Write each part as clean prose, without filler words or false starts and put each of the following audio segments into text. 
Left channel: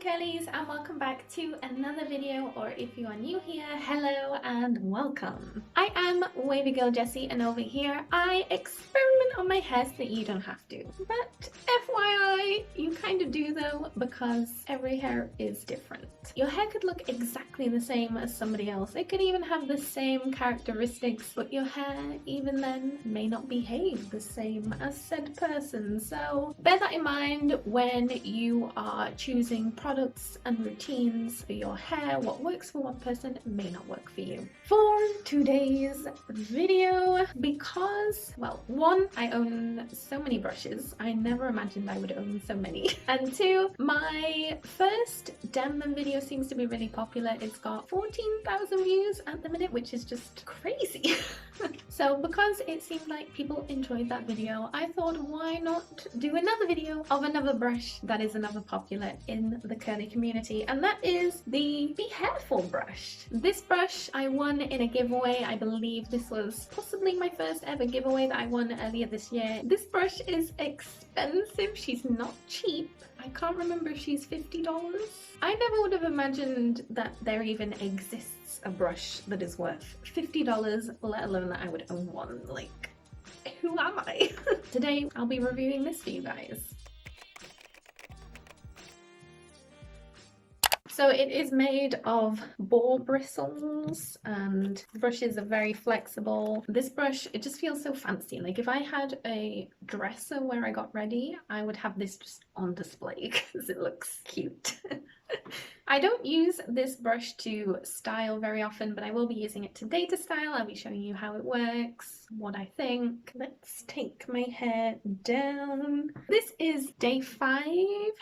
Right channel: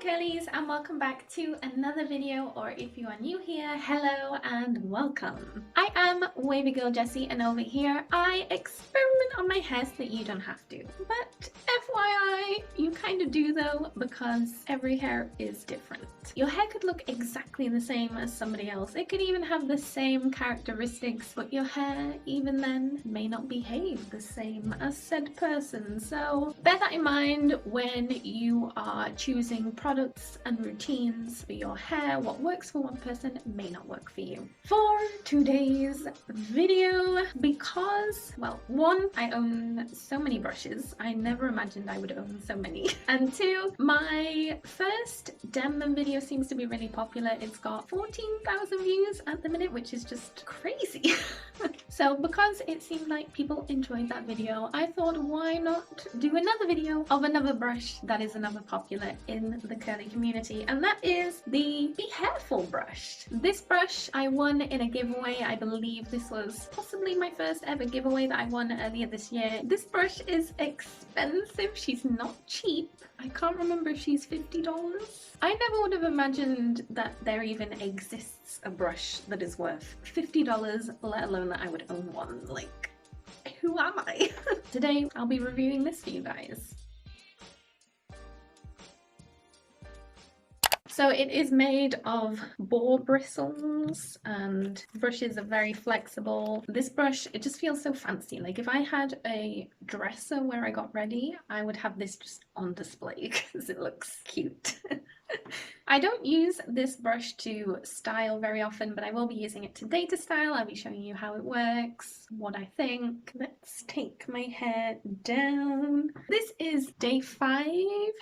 curlies, and welcome back to another video, or if you are new here, hello and welcome. I am Wavy Girl Jessie, and over here I experiment on my hair so that you don't have to. But FYI, you kind of do though, because every hair is different. Your hair could look exactly the same as somebody else. It could even have the same characteristics, but your hair, even then, may not behave the same as said person. So bear that in mind when you are choosing products and routines for your hair. What works for one person may not work for you. For today's video, because, well, one, I own so many brushes. I never imagined I would own so many. And two, my first denman video seems to be really popular. It's got 14,000 views at the minute, which is just crazy. So because it seemed like people enjoyed that video, I thought, why not do another video of another brush that is another popular in the curly community, and that is the Behairful Brush. This brush I won in a giveaway. I believe this was possibly my first ever giveaway that I won earlier this year. This brush is expensive. She's not cheap. I can't remember if she's $50. I never would have imagined that there even exists a brush that is worth $50, let alone that I would own one. Like, who am I? Today I'll be reviewing this for you guys. So it is made of boar bristles, and the brushes are very flexible. This brush, it just feels so fancy. Like if I had a dresser where I got ready, I would have this just on display because it looks cute. I don't use this brush to style very often, but I will be using it today to style. I'll be showing you how it works, what I think. Let's take my hair down. This is day 5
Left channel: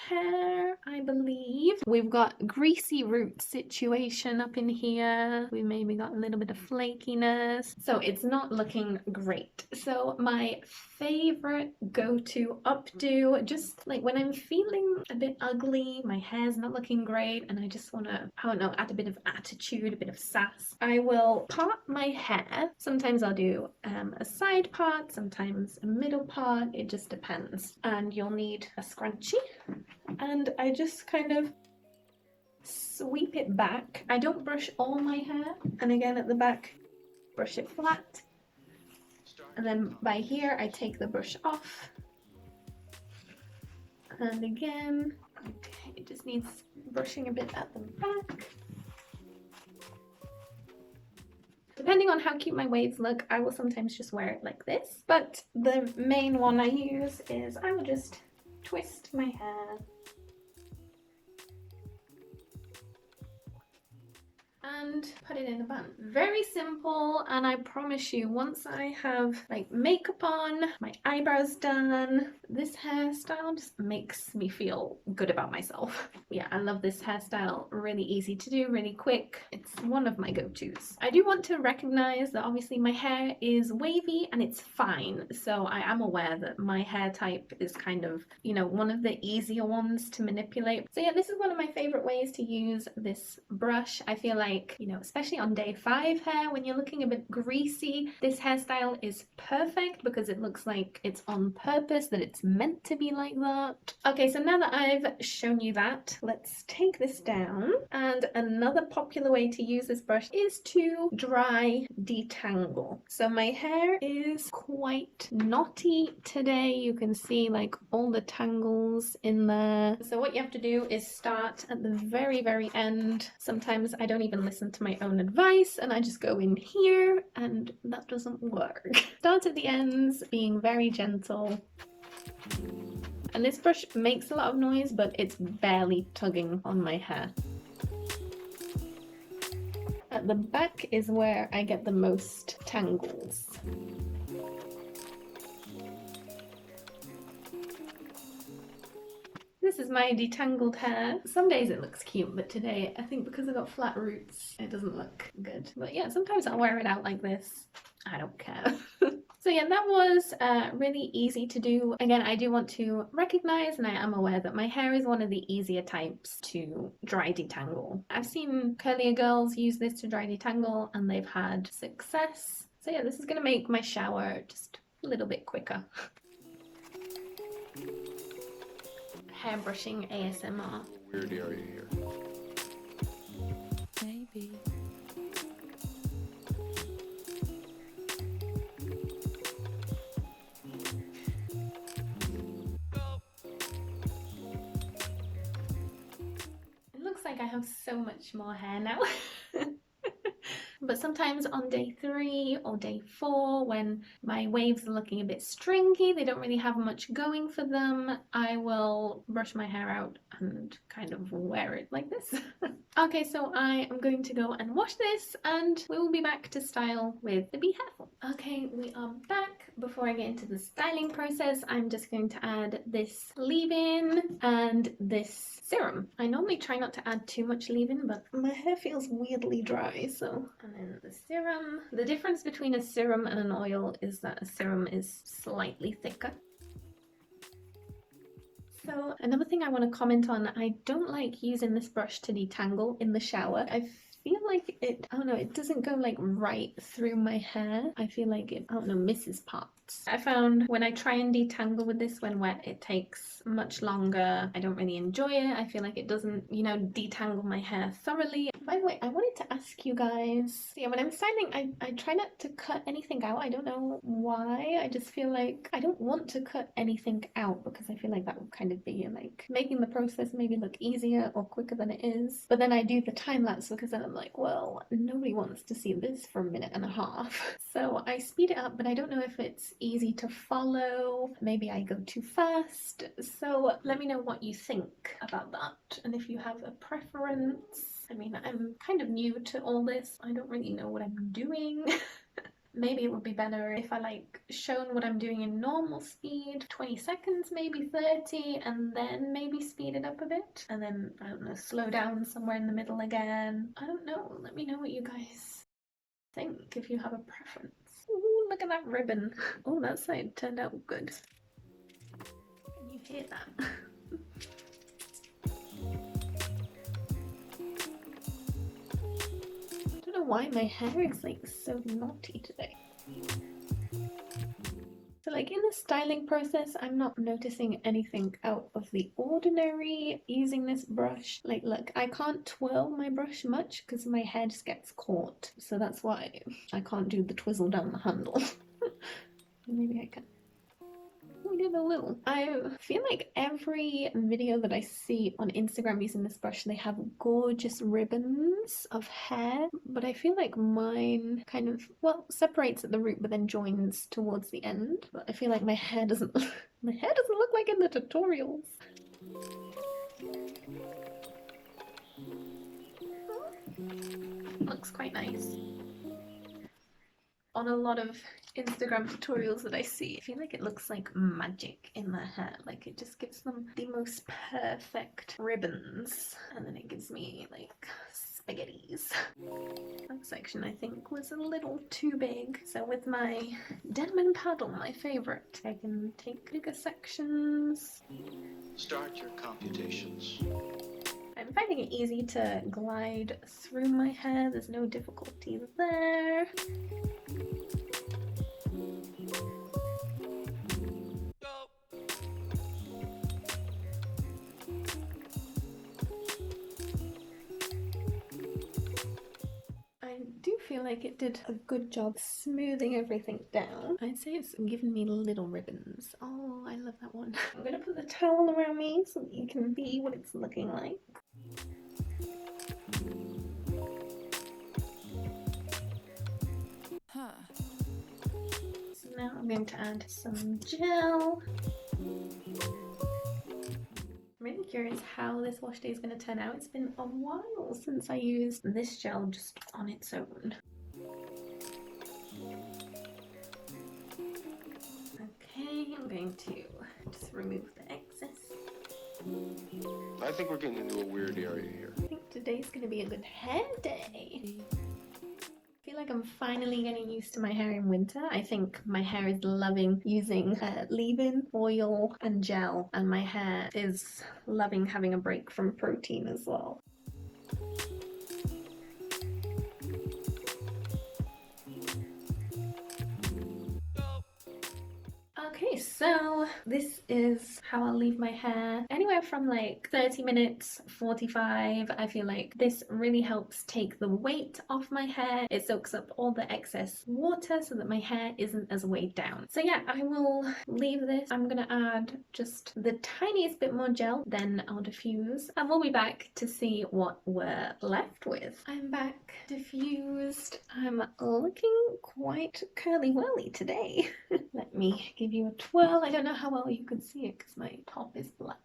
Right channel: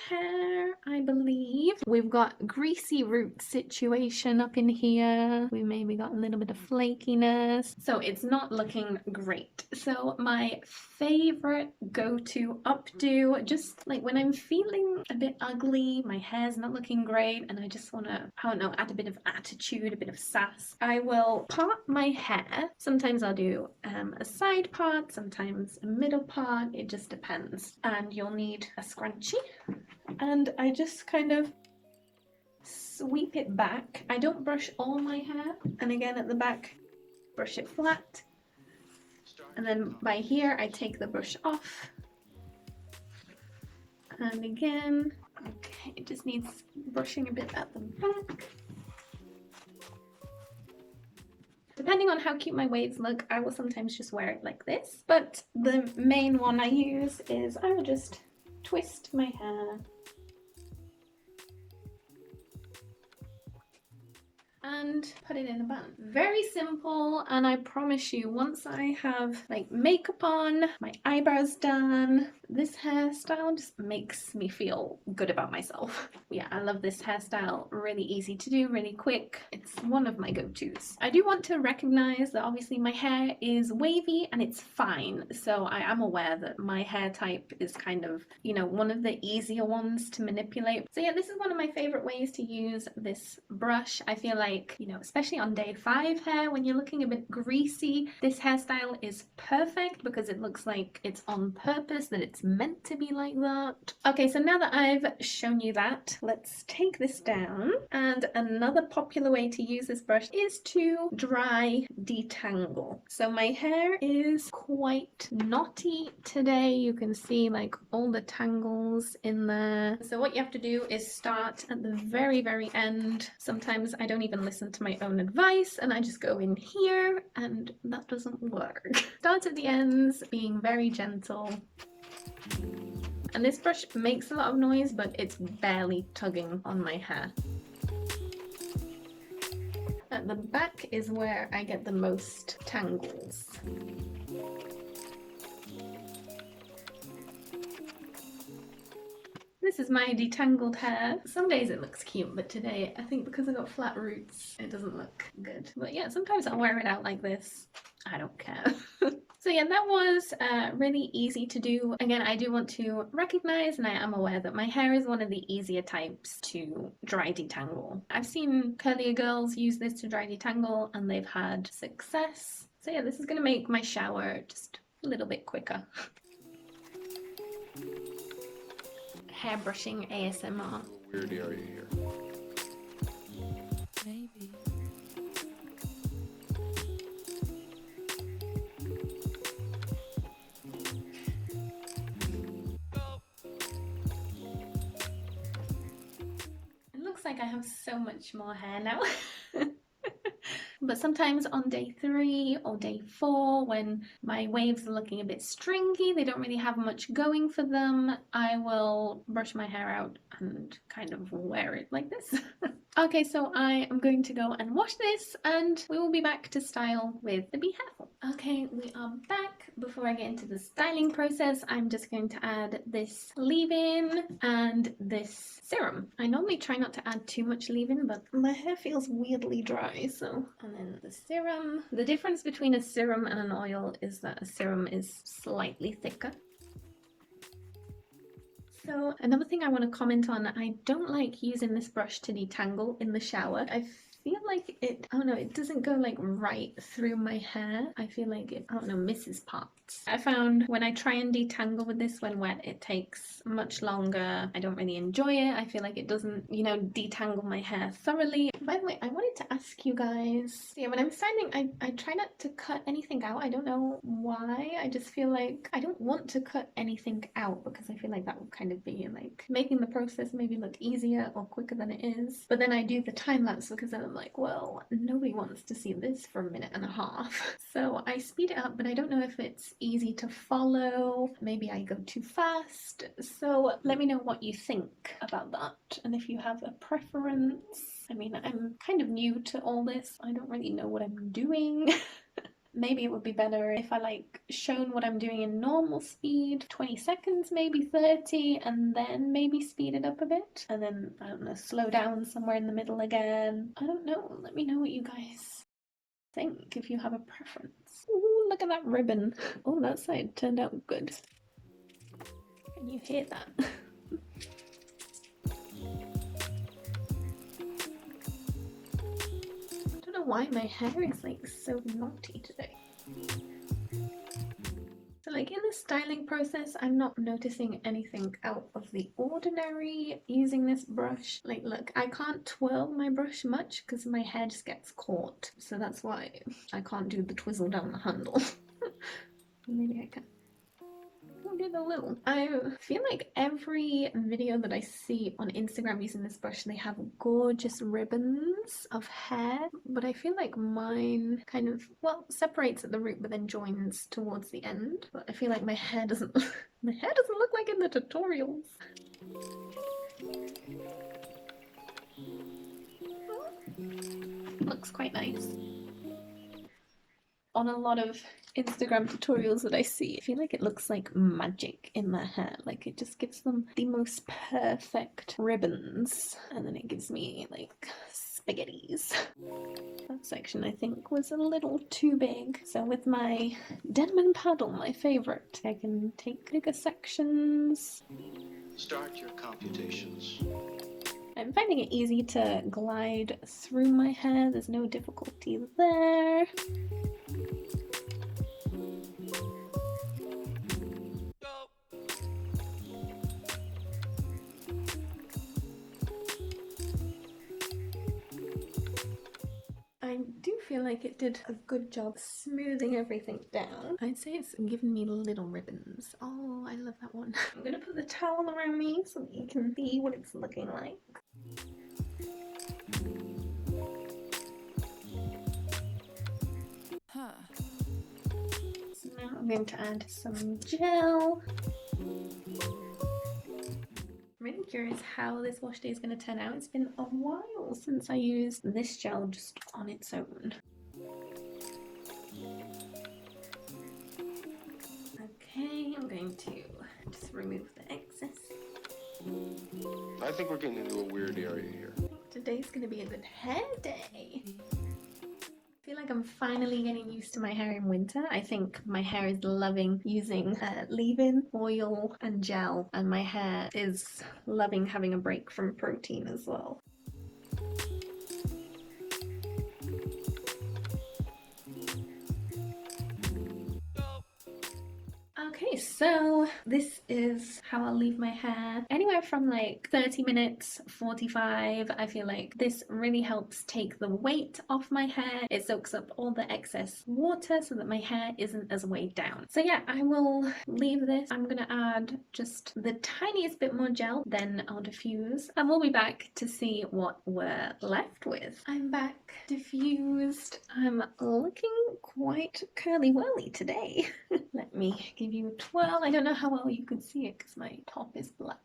hair, I believe. We've got greasy root situation up in here. We maybe got a little bit of flakiness. So it's not looking great. So my favorite go-to updo, just like when I'm feeling a bit ugly, my hair's not looking great, and I just want to, I don't know, add a bit of attitude, a bit of sass, I will part my hair. Sometimes I'll do a side part, sometimes a middle part, it just depends. And you'll need a scrunchie, and I just kind of sweep it back. I don't brush all my hair, and again at the back, brush it flat. And then by here, I take the brush off. And again, okay, it just needs brushing a bit at the back. Depending on how cute my waves look, I will sometimes just wear it like this. But the main one I use is I will just twist my hair and put it in a bun. Very simple, and I promise you, once I have like makeup on, my eyebrows done, this hairstyle just makes me feel good about myself. Yeah, I love this hairstyle. Really easy to do, really quick. It's one of my go-tos. I do want to recognize that obviously my hair is wavy and it's fine, so I am aware that my hair type is kind of, you know, one of the easier ones to manipulate. So yeah, this is one of my favorite ways to use this brush. I feel like, you know, especially on day 5 hair, when you're looking a bit greasy, this hairstyle is perfect because it looks like it's on purpose, that it's meant to be like that. Okay, so now that I've shown you that, let's take this down. And another popular way to use this brush is to dry detangle. So my hair is quite knotty today. You can see like all the tangles in there. So what you have to do is start at the very, very end. Sometimes I don't even listen to my own advice and I just go in here, and that doesn't work. Start at the ends, being very gentle. And this brush makes a lot of noise, but it's barely tugging on my hair. At the back is where I get the most tangles. This is my detangled hair. Some days it looks cute, but today I think because I got flat roots, it doesn't look good. But yeah, sometimes I'll wear it out like this. I don't care. So yeah, that was really easy to do. Again, I do want to recognize, and I am aware that my hair is one of the easier types to dry detangle. I've seen curlier girls use this to dry detangle and they've had success. So yeah, this is going to make my shower just a little bit quicker. Hair brushing ASMR. Weird area here. It looks like I have so much more hair now. But sometimes on day 3 or day 4, when my waves are looking a bit stringy, they don't really have much going for them, I will brush my hair out and kind of wear it like this. Okay, so I am going to go and wash this and we will be back to style with the Behairful. Okay, we are back. Before I get into the styling process, I'm just going to add this leave-in and this serum. I normally try not to add too much leave-in, but my hair feels weirdly dry, so. And then the serum. The difference between a serum and an oil is that a serum is slightly thicker. So another thing I want to comment on, I don't like using this brush to detangle in the shower. I feel like it, I don't know, it doesn't go like right through my hair. I feel like it, I don't know, misses parts. I found when I try and detangle with this when wet, it takes much longer. I don't really enjoy it. I feel like it doesn't, you know, detangle my hair thoroughly. By the way, I wanted to ask you guys, yeah, when I'm styling, I try not to cut anything out. I don't know why. I just feel like I don't want to cut anything out because I feel like that would kind of be like making the process maybe look easier or quicker than it is. But then I do the time lapse because then I'm like, well, nobody wants to see this for a minute and a half. So I speed it up, but I don't know if it's easy to follow. Maybe I go too fast. So let me know what you think about that and if you have a preference. I mean, I'm kind of new to all this. I don't really know what I'm doing. Maybe it would be better if I like shown what I'm doing in normal speed, 20 seconds, maybe 30, and then maybe speed it up a bit. And then, I don't know, slow down somewhere in the middle again. I don't know. Let me know what you guys think if you have a preference. Ooh, look at that ribbon. Oh, that side turned out good. Can you hear that? Why my hair is like so naughty today. So like in the styling process, I'm not noticing anything out of the ordinary using this brush. Like look, I can't twirl my brush much because my hair just gets caught. So that's why I can't do the twizzle down the handle. Maybe I can. I feel like every video that I see on Instagram using this brush, they have gorgeous ribbons of hair, but I feel like mine kind of, well, separates at the root but then joins towards the end. But I feel like my hair doesn't look like in the tutorials. It looks quite nice. On a lot of Instagram tutorials that I see, I feel like it looks like magic in their hair. Like it just gives them the most perfect ribbons, and then it gives me like spaghettis. That section I think was a little too big, so with my denman paddle, my favorite, I can take bigger sections. Start your computations. I'm finding it easy to glide through my hair. There's no difficulty there. I do feel like it did a good job smoothing everything down. I'd say it's given me little ribbons. Oh, I love that one. I'm gonna put the towel around me so that you can see what it's looking like. So now I'm going to add some gel. I'm really curious how this wash day is going to turn out. It's been a while since I used this gel just on its own. Okay, I'm going to just remove the excess. I think we're getting into a weird area here. I think today's going to be a good hair day. I feel like I'm finally getting used to my hair in winter. I think my hair is loving using leave-in, oil and gel, and my hair is loving having a break from protein as well. Okay, Okay, so this is how I'll leave my hair. Anywhere from like 30 minutes, 45. I feel like this really helps take the weight off my hair. It soaks up all the excess water so that my hair isn't as weighed down. So yeah, I will leave this. I'm gonna add just the tiniest bit more gel, then I'll diffuse, and we'll be back to see what we're left with. I'm back diffused. I'm looking quite curly whirly today. Let me give you a twirl. I don't know how well you can see it because my top is black.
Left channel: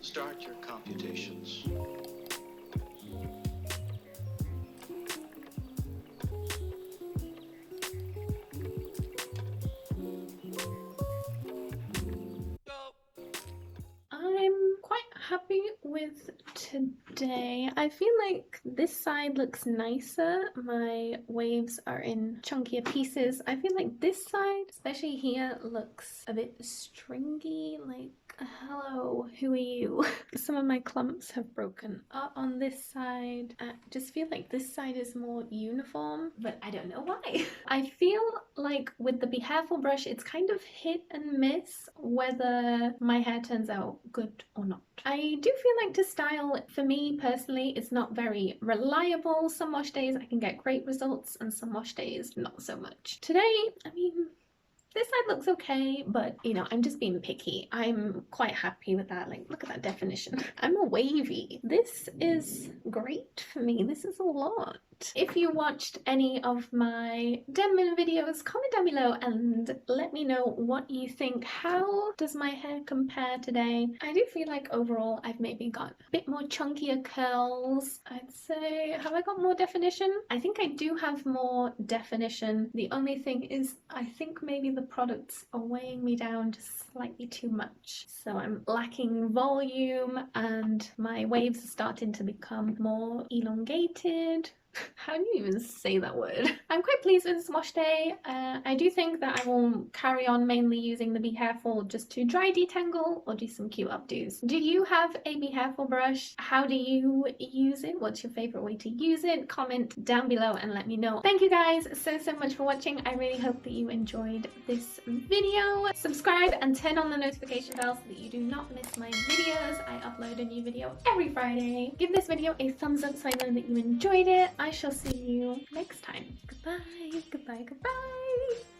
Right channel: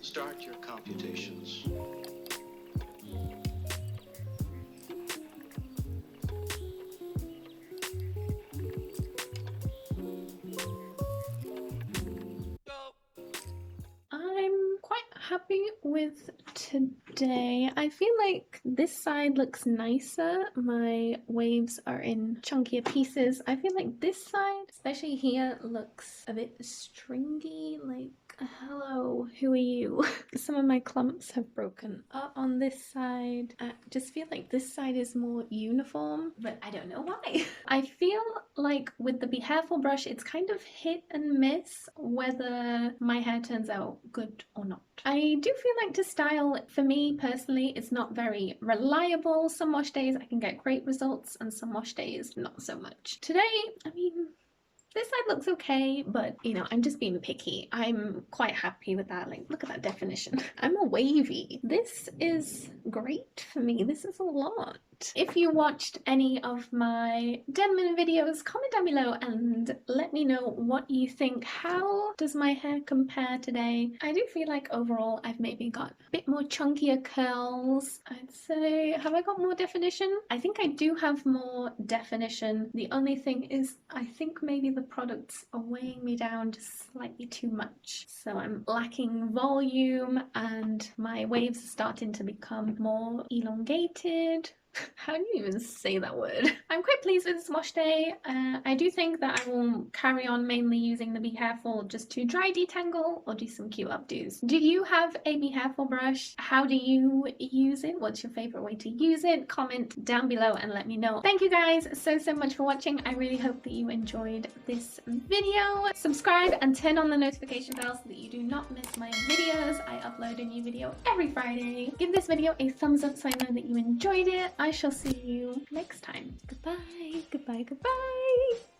Start your computations. I'm quite happy with today. I feel like this side looks nicer. My waves are in chunkier pieces. I feel like this side, especially here, looks a bit stringy, like hello, who are you? Some of my clumps have broken up on this side. I just feel like this side is more uniform, but I don't know why. I feel like with the Behairful brush, it's kind of hit and miss whether my hair turns out good or not. I do feel like to style, for me personally, it's not very reliable. Some wash days I can get great results and some wash days not so much. Today, I mean, this side looks okay, but you know, I'm just being picky. I'm quite happy with that. Like, look at that definition. I'm a wavy. This is great for me. This is a lot. If you watched any of my denman videos, comment down below and let me know what you think. How does my hair compare today? I do feel like overall I've maybe got a bit more chunkier curls. I'd say, have I got more definition? I think I do have more definition. The only thing is I think maybe the products are weighing me down just slightly too much. So I'm lacking volume and my waves are starting to become more elongated. How do you even say that word? I'm quite pleased with this wash day. I do think that I will carry on mainly using the Behairful just to dry detangle or do some cute updos. Do you have a Behairful brush? How do you use it? What's your favorite way to use it? Comment down below and let me know. Thank you guys so much for watching. I really hope that you enjoyed this video. Subscribe and turn on the notification bell so that you do not miss my videos. I upload a new video every Friday. Give this video a thumbs up so I know that you enjoyed it. I shall see you next time. Goodbye, goodbye, goodbye.